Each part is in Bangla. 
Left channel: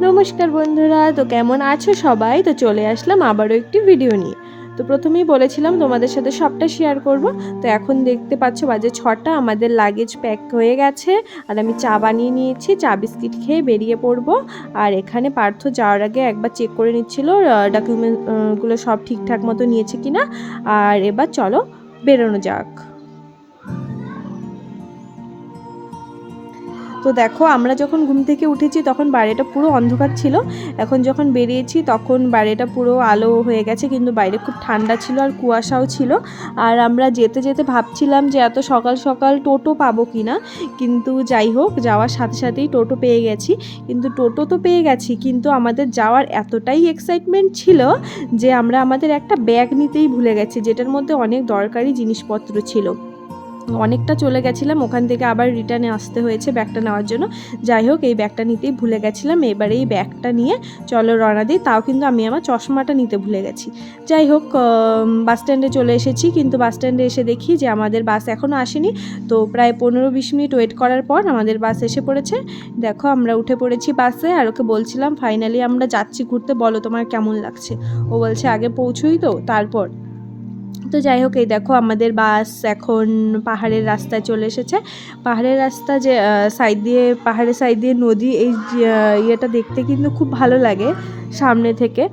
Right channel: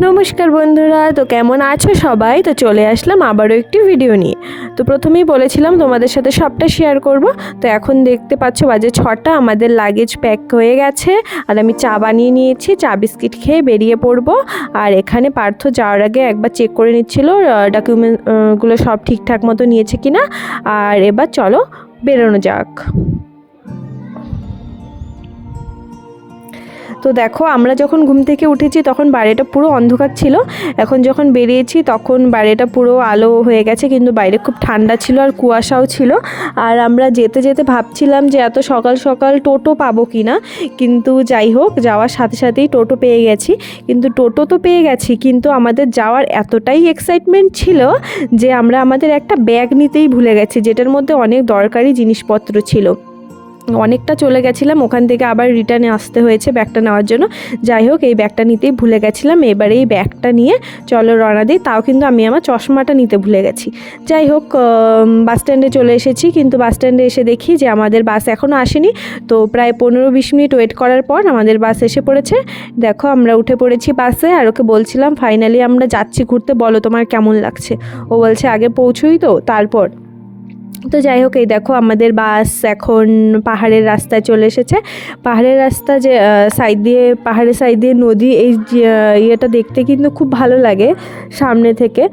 নমস্কার বন্ধুরা, তো কেমন আছো সবাই? তো চলে আসলাম আবারও একটি ভিডিও নিয়ে। তো প্রথমেই বলেছিলাম তোমাদের সাথে সবটা শেয়ার করব। তো এখন দেখতে পাচ্ছ বাজে ছটা, আমাদের লাগেজ প্যাক হয়ে গেছে। আর আমি চা বানিয়ে নিয়েছি, চা বিস্কিট খেয়ে বেরিয়ে পড়ব। আর এখানে পার্থ যাওয়ার আগে একবার চেক করে নিচ্ছিল ডকুমেন্টগুলো সব ঠিকঠাক মতো নিয়েছে কিনা। আর এবার চলো বেরোনো যাক। তো দেখো, আমরা যখন ঘুম থেকে উঠেছি তখন বাড়িটা পুরো অন্ধকার ছিল। এখন যখন বেরিয়েছি তখন বাড়িটা পুরো আলো হয়ে গেছে, কিন্তু বাইরে খুব ঠান্ডা ছিল আর কুয়াশাও ছিল। আর আমরা যেতে যেতে ভাবছিলাম যে এত সকাল সকাল টোটো পাবো কি না কিন্তু যাই হোক, যাওয়ার সাথে সাথেই টোটো পেয়ে গেছি। কিন্তু টোটো তো পেয়ে গেছি, কিন্তু আমাদের যাওয়ার এতটাই এক্সাইটমেন্ট ছিল যে আমরা আমাদের একটা ব্যাগ নিতেই ভুলে গেছি, যেটার মধ্যে অনেক দরকারি জিনিসপত্র ছিল। অনেকটা চলে গেছিলাম, ওখান থেকে আবার রিটার্নে আসতে হয়েছে ব্যাগটা নেওয়ার জন্য। যাই হোক, এই ব্যাগটা নিতেই ভুলে গেছিলাম, এবারে এই ব্যাগটা নিয়ে চলো রওনা দিই, তাও কিন্তু আমি আমার চশমাটা নিতে ভুলে গেছি। যাই হোক বাস স্ট্যান্ডে চলে এসেছি, কিন্তু বাস স্ট্যান্ডে এসে দেখি যে আমাদের বাস এখনও আসেনি। তো প্রায় পনেরো বিশ মিনিট ওয়েট করার পর আমাদের বাস এসে পড়েছে। দেখো, আমরা উঠে পড়েছি বাসে আর ওকে বলছিলাম ফাইনালি আমরা যাচ্ছি ঘুরতে, বলো তোমার কেমন লাগছে? ও বলছে, আগে পৌঁছোই তো, তারপর। তো যাই হোক, এই দেখো আমাদের বাস এখন পাহাড়ের রাস্তায় চলে এসেছে। পাহাড়ের রাস্তা যে সাইড দিয়ে, পাহাড়ের সাইড দিয়ে নদী, এই ইয়েটা দেখতে কিন্তু খুব ভালো লাগে সামনে থেকে।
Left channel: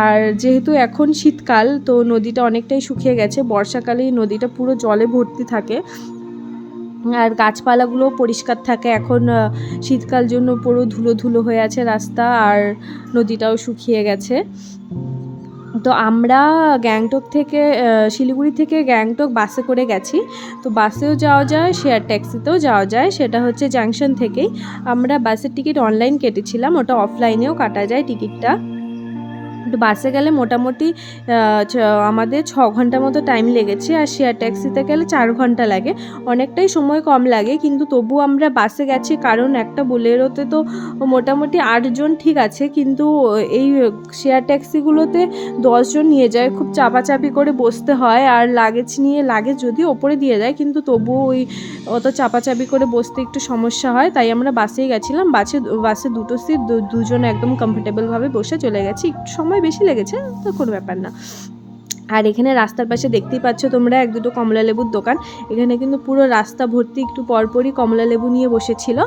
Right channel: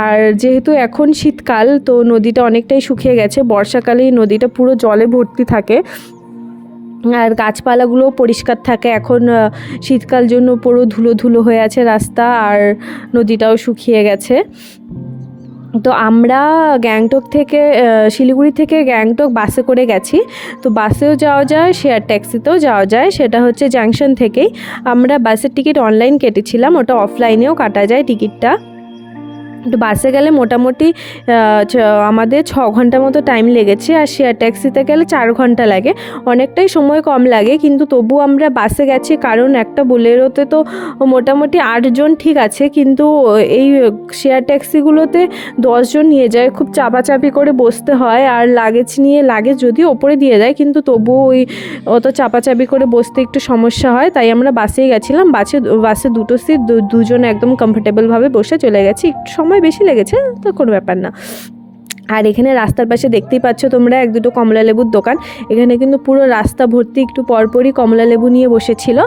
আর যেহেতু এখন শীতকাল, তো নদীটা অনেকটাই শুকিয়ে গেছে। বর্ষাকালেই নদীটা পুরো জলে ভর্তি থাকে। আর গাছপালাগুলোও পরিষ্কার থাকে। এখন শীতকাল জন্য পুরো ধুলো ধুলো হয়ে আছে রাস্তা, আর নদীটাও শুকিয়ে গেছে। তো আমরা গ্যাংটক থেকে শিলিগুড়ি থেকে গ্যাংটক বাসে করে গেছি। তো বাসেও যাওয়া যায়, শেয়ার ট্যাক্সিতেও যাওয়া যায়। সেটা হচ্ছে জাংশন থেকেই। আমরা বাসের টিকিট অনলাইন কেটেছিলাম, ওটা অফলাইনেও কাটা যায় টিকিটটা। তো বাসে গেলে মোটামুটি আমাদের ছ ঘণ্টা মতো টাইম লেগেছে আর শেয়ার ট্যাক্সিতে গেলে চার ঘণ্টা লাগে। অনেকটাই সময় কম লাগে, কিন্তু তবু আমরা বাসে গেছি কারণ একটা বোলেরোতে তো মোটামুটি আটজন ঠিক আছে, কিন্তু এই শেয়ার ট্যাক্সিগুলোতে দশজন নিয়ে যায়, খুব চাপাচাপি করে বসতে হয় আর লাগেজ নিয়ে লাগেজ যদি ওপরে দিয়ে দেয়, কিন্তু তবুও ওই অত চাপাচাপি করে বসতে একটু সমস্যা হয়, তাই আমরা বাসেই গেছিলাম। বাসে বাসে দুটো সিট দুজন একদম কমফোর্টেবলভাবে বসে চলে গেছি। একটু সময় বেশি লেগেছে, তো কোনো ব্যাপার না। আর এখানে রাস্তার পাশে দেখতেই পাচ্ছ তোমরা এক দুটো কমলা লেবুর দোকান। এখানে কিন্তু পুরো রাস্তা ভর্তি একটু পরপরই কমলা লেবু নিয়ে বসেছিল।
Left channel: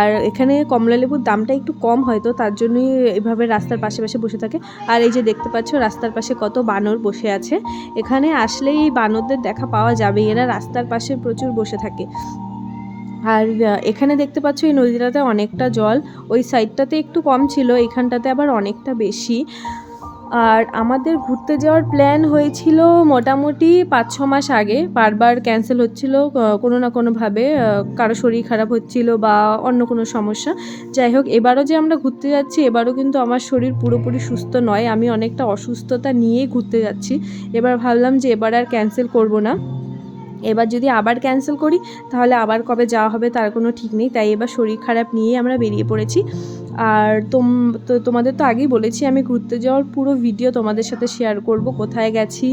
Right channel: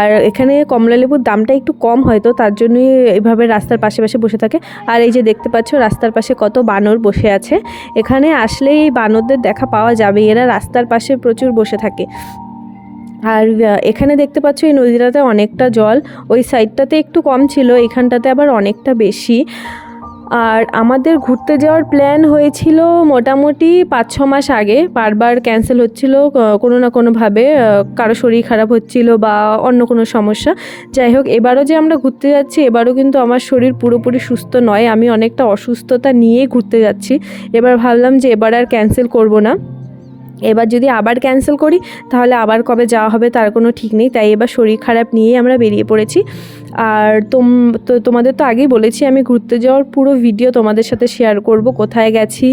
আর এখানে কমলা লেবুর দামটা একটু কম হয়তো, তার জন্যই এভাবে রাস্তার পাশে পাশে বসে থাকে। আর এই যে দেখতে পাচ্ছ রাস্তার পাশে কত বানর বসে আছে। এখানে আসলে এই বানরদের দেখা পাওয়া যাবে এরা রাস্তার পাশে প্রচুর বসে থাকে। আর এখানে দেখতে পাচ্ছ এই নদীটাতে অনেকটা জল। ওই সাইডটাতে একটু কম ছিল এখানটাতে আবার অনেকটা বেশি। আর আমাদের ঘুরতে যাওয়ার প্ল্যান হয়েছিল মোটামুটি পাঁচ ছ মাস আগে। বারবার ক্যান্সেল হচ্ছিল কোনো না কোনোভাবে কারও শরীর খারাপ হচ্ছিল বা অন্য কোনো সমস্যা। যাই হোক, এবারও যে আমরা ঘুরতে যাচ্ছি, এবারও কিন্তু আমার শরীর পুরোপুরি সুস্থ নয়। আমি অনেকটা অসুস্থতা নিয়েই ঘুরতে যাচ্ছি। এবার ভাবলাম যে এবার আর ক্যান্সেল করব না। এবার যদি আবার ক্যান্সেল করি, তাহলে আবার কবে যাওয়া হবে তার কোনো ঠিক নেই। তাই এবার শরীর খারাপ নিয়েই আমরা বেরিয়ে পড়েছি। আর তোম, তো তোমাদের তো আগেই বলেছি, আমি ঘুরতে যাওয়ার পুরো ভিডিও তোমাদের সাথে শেয়ার করব। কোথায় গেছি,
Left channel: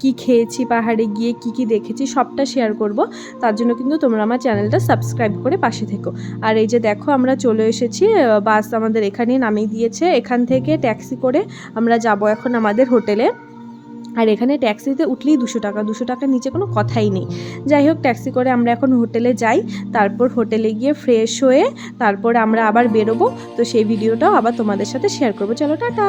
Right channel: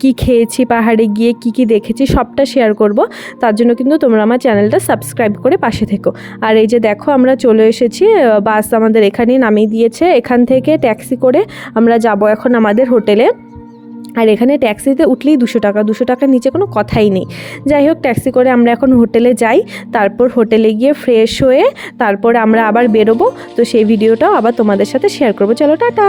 কি খেয়েছি, পাহাড়ে গিয়ে কি কি দেখেছি, সবটা শেয়ার করব। তার জন্য কিন্তু তোমরা আমার চ্যানেলটা সাবস্ক্রাইব করে পাশে থেকো। আর এই যে দেখো, আমরা চলে এসেছি বাস আমাদের এখানেই নামিয়ে দিয়েছে। এখান থেকে ট্যাক্সি করে আমরা যাব এখন আমাদের হোটেলে আর এখানে ট্যাক্সিতে উঠলেই দুশো টাকা, দুশো টাকার নিচে কোনো কথাই নেই। যাই হোক, ট্যাক্সি করে আমরা এখন হোটেলে যাই, তারপর হোটেলে গিয়ে ফ্রেশ হয়ে তারপর আমরা আবার বেরোবো। তো সেই ভিডিওটাও আবার তোমাদের সাথে শেয়ার করব। চলো, টাটা!